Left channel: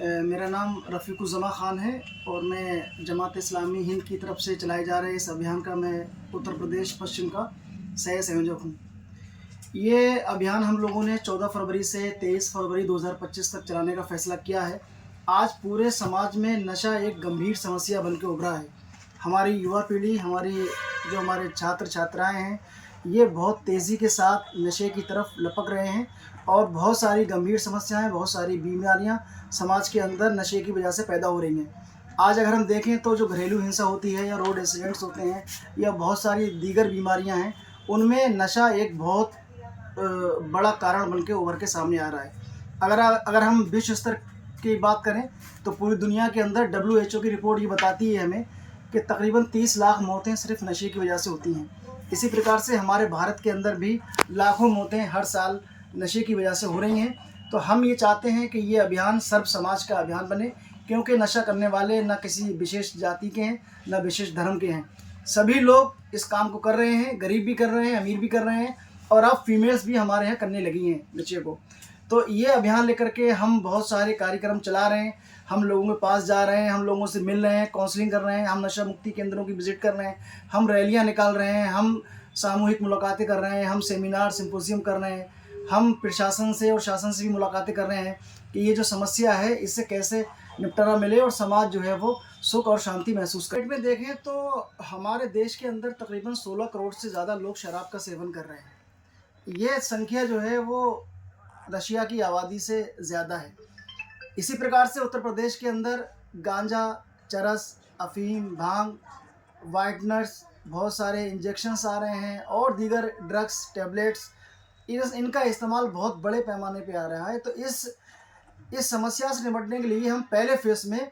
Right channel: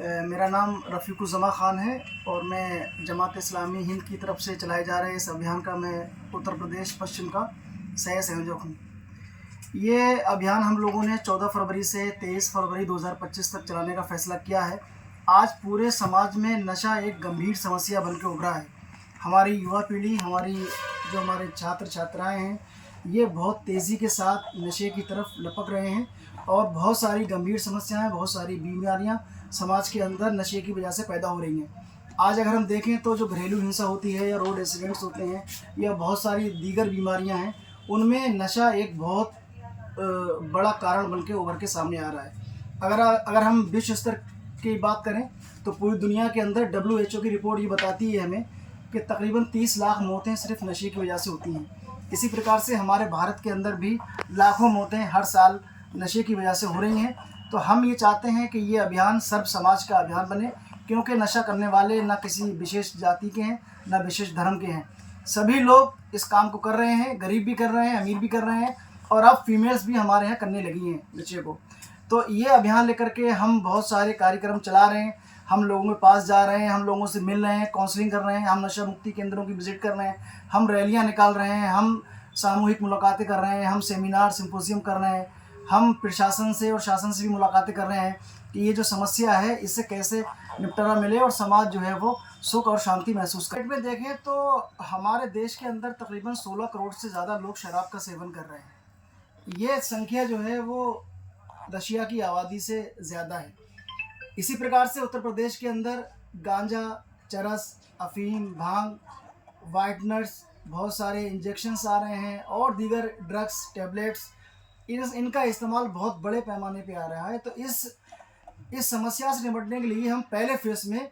मेरा नाम रफ़ीकुज़्ज़मा ख़ान है और मैं जमात इस्लामी हिंद की तरफ से चलाए जा रहे इस अभियान का मैं उत्तर प्रदेश पश्चिम का सह संयोजक हूँ। ये अभियान हम लोगों ने 14 फरवरी से 23 फरवरी 2025 तक चलाने का फ़ैसला किया है। आज पूरे समाज में नशा एक गंभीर समस्या बन के उभरा है। हमारी युवा पीढ़ी, हमारे छात्र-छात्राएँ हैं, ये बहुत तेज़ी के साथ नशे की तरफ लपक रहे हैं और बहुत सारी गंभीर समस्याएँ, बहुत सारी बीमारियाँ समाज के अंदर नशे की वजह से पैदा हो रही हैं। आज अगर हम देखें तो जो घरेलू हिंसा होती है या रोड एक्सीडेंट्स होते हैं या बहुत सारी दीगर बीमारियाँ हैं, उनमें नशा एक बहुत बड़ा कारण बन के उभर के सामने आ रहा है। अगर हम विश्व स्तर की बात करें तो पूरी दुनिया के अंदर डब्ल्यूएचओ की रिपोर्ट ये बताती है हमें कि तकरीबन 30 लाख मौतें सिर्फ नशे की वजह से होती हैं। इसी प्रकार से हमारे भारत के अंदर भी लाखों मौतें हर साल नशे की वजह से हो रही हैं। तो हम ये चाहते हैं कि ये अभियान सर्व समाज का अभियान बने, क्योंकि नशा करने वाले ना किसी विशेष जाति के हैं, ना विशेष धर्म के हैं। सभी लोग इस काम को कर रहे हैं, गरीब भी कर रहे हैं, अमीर भी कर रहे हैं और अब फीमेल्स भी हमारे यहाँ करने लगी हैं नशे को। तो ये अभियान लेकर के हम बहुत सारे कार्यक्रम चला रहे हैं, हम लोगों के पास जा रहे हैं, हम लोगों से मिल रहे हैं, काउंसलिंग कर रहे हैं, हम नशा मुक्ति केंद्रों की विज़िट कर रहे हैं, हम रैलियाँ निकाल रहे हैं, हम सामूहिक मुलाकातें कर रहे हैं, हम सेमिनार सिम्पोजियम कर रहे हैं, हम प्रशासन से और शासन से भी मुलाकातें कर रहे हैं कि ये जो समस्या है इससे कैसे निपटारा मिले और समाज जो है वो सुख और शांति महसूस करे। में देखें तो हमारे देश के अंदर तकरीबन 16 करोड़ से ज़्यादा लोग शराब का सेवन कर रहे हैं। ये संख्या जो है वो रशिया की आबादी से ज़्यादा है। इसी प्रकार से उत्तर प्रदेश के अंदर गांजा, चरस, अफ़ीम, भांग, व्हाइटनर्स, बहुत सारे इंजेक्शंस आ रहे हैं और दीगर ड्रग्स, टैबलेट्स, इनका इस्तेमाल बहुत बड़े पैमाने पे आ रहा है। तो इस समस्या से निपटने के लिए हम पहले फेज़ में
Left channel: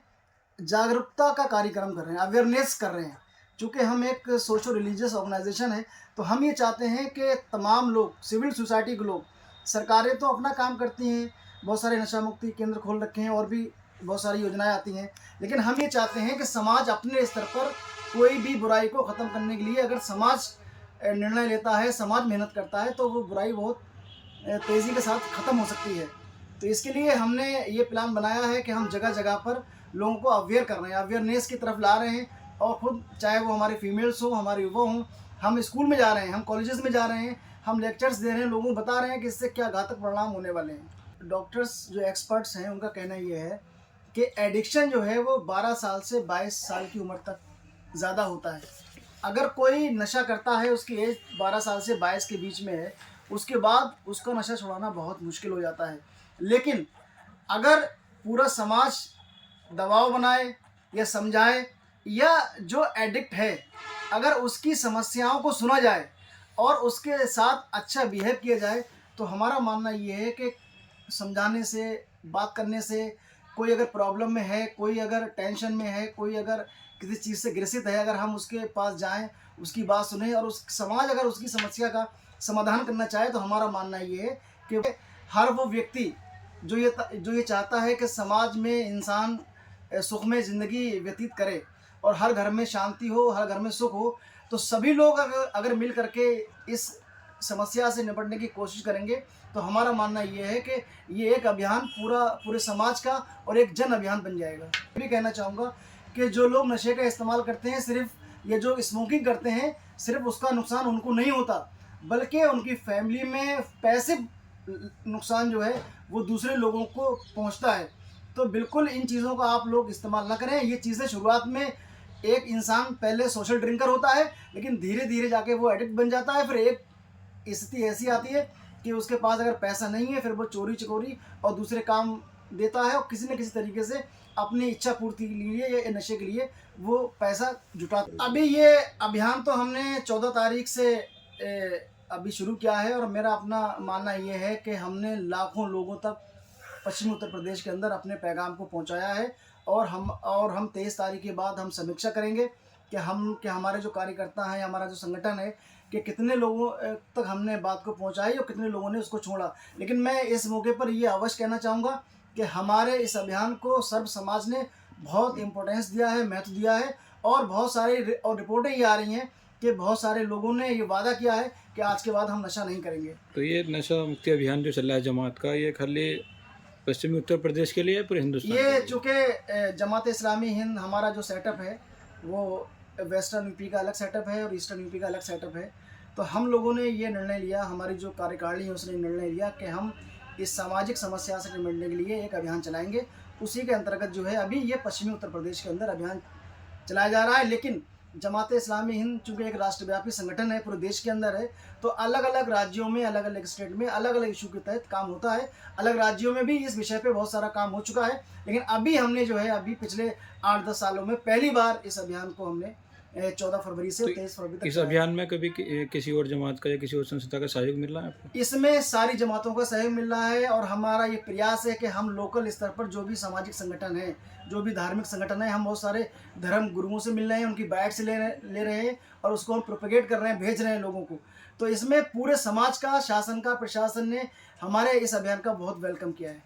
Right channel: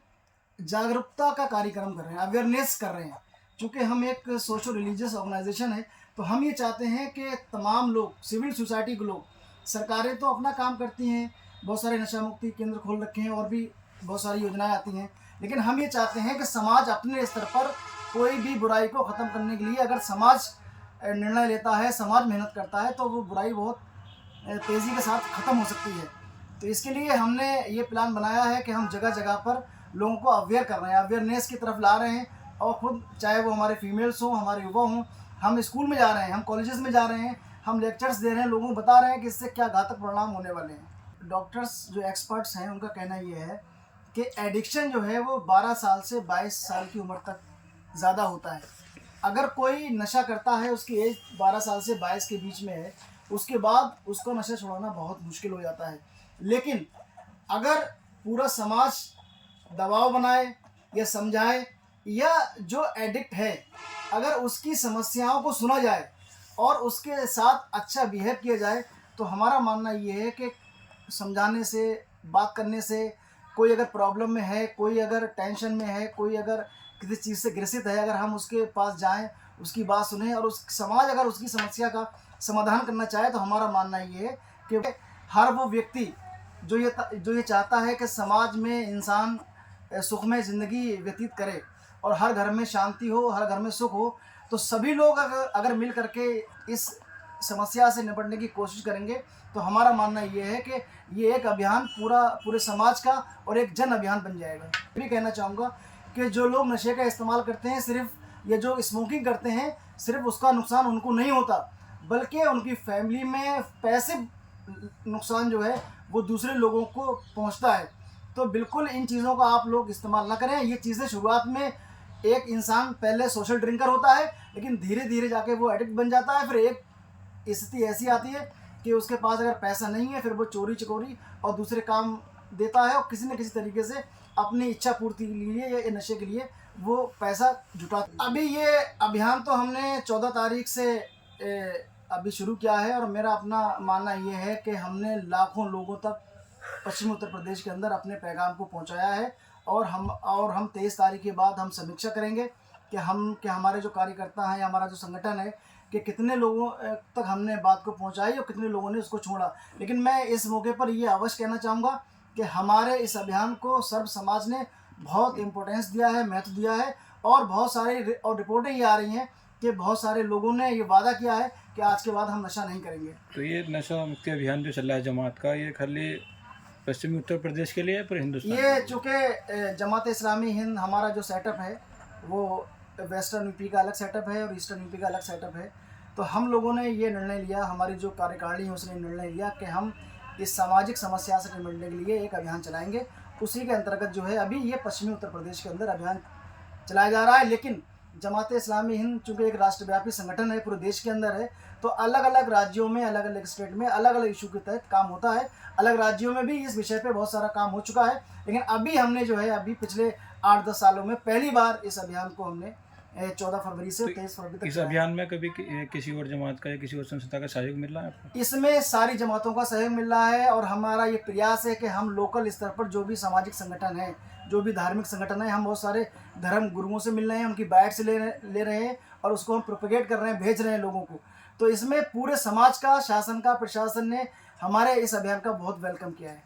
जागरूकता का कार्यक्रम कर रहे हैं, अवेयरनेस कर रहे हैं। चूँकि हम एक सोशल रिलीजियस ऑर्गेनाइजेशन है, तो हम ये चाहते हैं कि तमाम लोग, सिविल सोसाइटी के लोग, सरकारें तो अपना काम करती हैं, बहुत सारे नशा मुक्ति केंद्र खोल रखे हैं और भी बहुत सारी योजनाएं आती हैं, लेकिन हम ये चाहते हैं कि समाज अपने स्तर पर कोई भी बुराई को ख़त्म करने के लिए अगर समाज निर्णय लेता है, समाज मेहनत करता है, तो वो बुराई बहुत तेज़ी के साथ ख़त्म हो सकती है। तो इसके लिए हमने ये प्लान बनाया है कि हम जगह जगह पर लोगों को अवेयर कर रहे हैं, अवेयरनेस की तरफ ला रहे हैं और ख़ुद चाहे वो हमारे फीमेल्स हों, हमारे युवा हों, हम स्कूल में जा रहे हैं, हम कॉलेजेस में जा रहे हैं, हम लेक्चर्स दे रहे हैं, लोगों को बता रहे हैं कि इससे क्या घातक परिणाम होने वाले हैं। डॉक्टर्स जो एक्सपर्ट्स हैं उनका कहना ये है कि एडिक्शन जो है वो 12 साल से 22 साल की उम्र तक ज़्यादा होता है। अगर कोई नशा करता है, उसकी एज 12 साल से 22 के बीच में है, उसके बाद उसका नशा छुड़ाना बहुत मुश्किल हो जाता है। लेकिन अगर पूरा समाज दबाव बनाए या समझाए, या जो एडिक्ट है अगर उसकी समस्याओं को सुना जाए और उसके साथ अच्छा बिहेव किया जाए, तो हमारा मानना ये है कि समझाने से, बात करने से, कोई अगर प्रॉब्लम में है, कोई अगर टेंशन में है, कोई अगर किसी चीज़ से ग्रसित है, अगर हम उसके पास जाएं, उसकी बात सुनें और उस समाज अगर उसकी समस्या का समाधान करना चाहे, तो हमारा मानना ये है कि हर वो व्यक्ति जो ये चाहता है कि समाज में इंसान सुखमय ज़िंदगी व्यतीत करे और हर घर में शांति हो, हर घर में सुख हो, तो सभी लोग अगर मिल करके इस समस्या से निपटने की कोशिश करेंगे, तो हमारा मानना ये है कि ये एक अभियान पूरे समाज का और एक जन अभियान बन जाएगा। ये भी कहना चाहूँगा कि जो लोग नशे का इस्तेमाल करते हैं, सिर्फ या जो स्मोकिंग करते हैं, सिर्फ उसका नुकसान उनको नहीं होता, बल्कि उनकी फैमिली में पैसिव नुकसान जो है वो दूसरे लोगों को पहुंचता है। तो बिल्कुल इन चीज़ों का आप लोग इस्तेमाल ना करें। ये चीज़ें शुरुआत में एक इंसान पहले सोशल ड्रिंकर होता है, लेकिन धीरे धीरे जाके वो एडिक्ट बन जाता है। फिर एक स्थिति ऐसी आती है कि उसके पास अगर पैसा नहीं है, फिर वो चोरी चकोरी और दूसरे काम देता है और किसी न किसी तरीके से अपनी इच्छा पूर्ति के लिए या नशे के लिए वो पैसा जुटा। अभी ये अभियान तो हमने 14 तारीख से अभी शुरू किया है और मेरा अपना मानना ये है कि हमने लाखों लोगों तक पश्चिमी उत्तर प्रदेश के अंदर अपने पैगाम को पहुंचाया है और हम 23 तारीख के बाद हम समीक्षा करेंगे कि हमारे जो कार्यकर्ता हैं, हमारा जो संगठन है, कि कितने लोगों तक हमने बात को पहुंचाई और कितने लोगों ने उसको छोड़ा। लेकिन मैं इस मौके पर ये अवश्य कहना चाहूँगा कि हमारे इस अभियान को सर्व समाज ने बहुत इम्पोर्टेंस दिया है, महत्व दिया है और बहुत सारे और रिपोर्टें ये आ रही हैं कि बहुत सारे लोगों ने ये वादा किया है कि आज के बाद हम नशा नहीं करेंगे। तो ये नशा मुक्ति अभियान जो चल रहा है जमात का, ये खाली पश्चिमी उत्तर प्रदेश के लिए पूरे हिंदुस्तान के ये लिए? चूँकि जमात इस्लामी हिंद हमारा जो सेटअप है वो वेस्टर्न यूपी का अलग सेटअप है और ईस्टर्न यूपी का अलग सेटअप है। तो हम लोगों ने ये निर्णय लिया, हमारी जो कार्यकारिणी है उसने निर्णय लिया कि हम इस सामाजिक समस्या से निपटने के लिए एक अभियान चलाएँगे। उसी के अंतर्गत जो है अभी ये पश्चिमी उत्तर प्रदेश के अंदर अभियान चलाया जा रहा है। लेकिन जमात इस्लामी हिंद चूँकि एक राष्ट्रव्यापी संगठन है, पूरे देश के अंदर है, तो अलग-अलग राज्यों में, अलग-अलग स्टेट में अलग-अलग इशू के तहत काम होता है। अलग राज्योयों में भी इस विषय पे बहुत सारा काम हो चुका है। लेकिन अभी हमने जो है अभी पिछले 8-10 सालों में पहली बार इस अभियान को हमने 14 फरवरी से तो 23 फरवरी तक इस चलाया। अभियान में कभी किसी और जमात का या किसी और संस्था का सहयोग मिल रहा है आपको? इसमें सारी जमातों का सहयोग मिल रहा है और हमारा ये प्रयास है कि हम लोकल स्तर पर जो भी सामाजिक संगठन है, जो भी धार्मिक संगठन है, हम बहुत सारे धर्म गुरुओं से मिल रहे हैं, उनकी बाइट्स ले रहे हैं और उसको हम प्रोपेगेट कर रहे हैं, भेज रहे हैं लोगों को। तो इसमें पूरे समाज का, शासन का, प्रशासन ने हमारे इस अभियान का बहुत वेलकम किया है।